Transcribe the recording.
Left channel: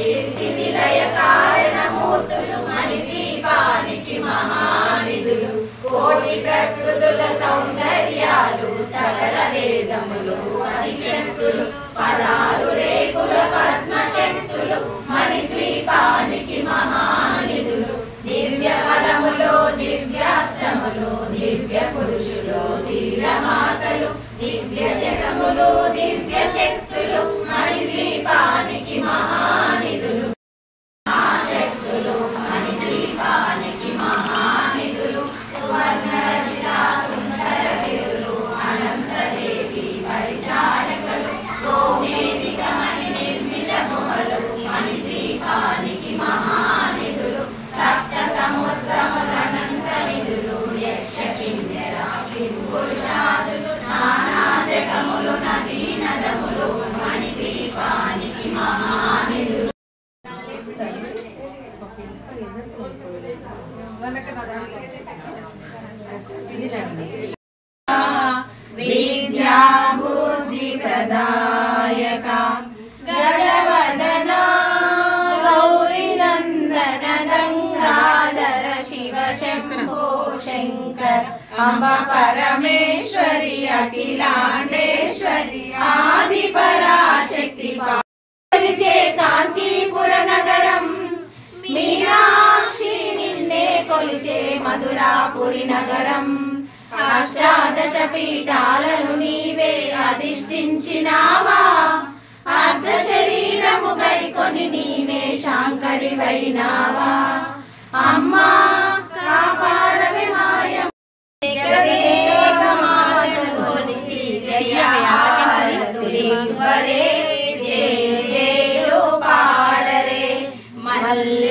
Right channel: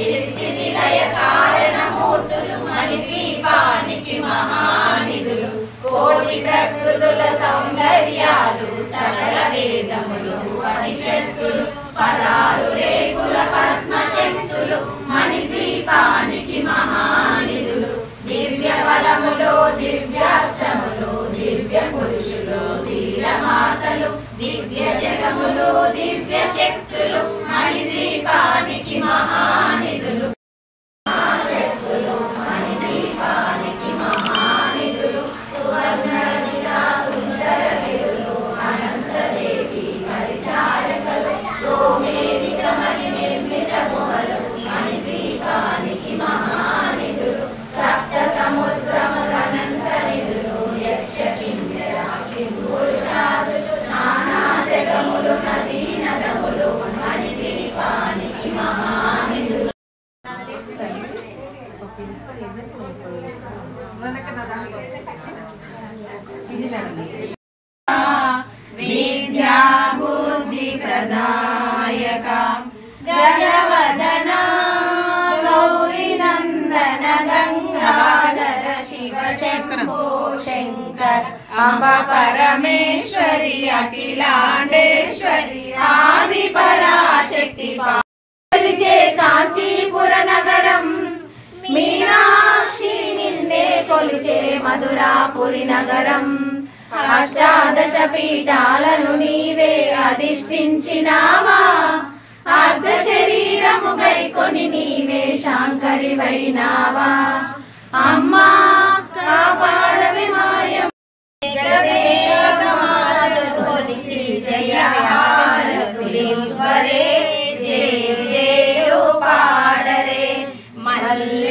సృష్టి లయ కారణమూర్తులు మణిద్వీపానికి మహానిధులు కోటి ప్రకృతుల సౌందర్యాలు సకల వేదములు ఉపనిషత్తులు 16 రేకుల పద్మశక్తులు మణిద్వీపానికి మహానిధులు దివ్య బలములు దివ్యాస్త్రములు దివ్య పురుషులు వీరమాతలు దివ్య జగములు దివ్య శక్తులు మణిద్వీపానికి మహానిధులు శక్తులు మణిద్వీపానికి మహానిధులు సువర్ణజిలా సుందరగిరులు అనంతదేవి పరిచారకులు గోమేధిక మణి నిర్మిత గుహలు మణిద్వీపానికి మహానిధులు సప్త సముద్రములనంత నిధులు యక్ష కిన్నెర కింపురుషాదులు నానా జగములు నదీ నదములు మణిద్వీపానికి మహానిధులు విద్యా బుద్ధి ప్రదాయక గజవదనా గౌరీ నందన గంగాధర శివ శంభో శంకర అంబ పరమేశ్వరి అఖిలాండేశ్వరి ఆది పరాశక్తి కొలిచే కాంచీపుర నగరం మీనాక్షి నిన్నే కొలిచే మధురాపురి నగరం అష్టాదశ పీఠాలను నీవే అధిష్ఠించినావా అర్ధ శరీరము గైకొని నీవే శాంకరివైనావా అమ్మా కాపాడవి మాయం జగదేకమాతను కొలిచి జయహారతులివ్వరే జయ జయలు పాడరే మల్ల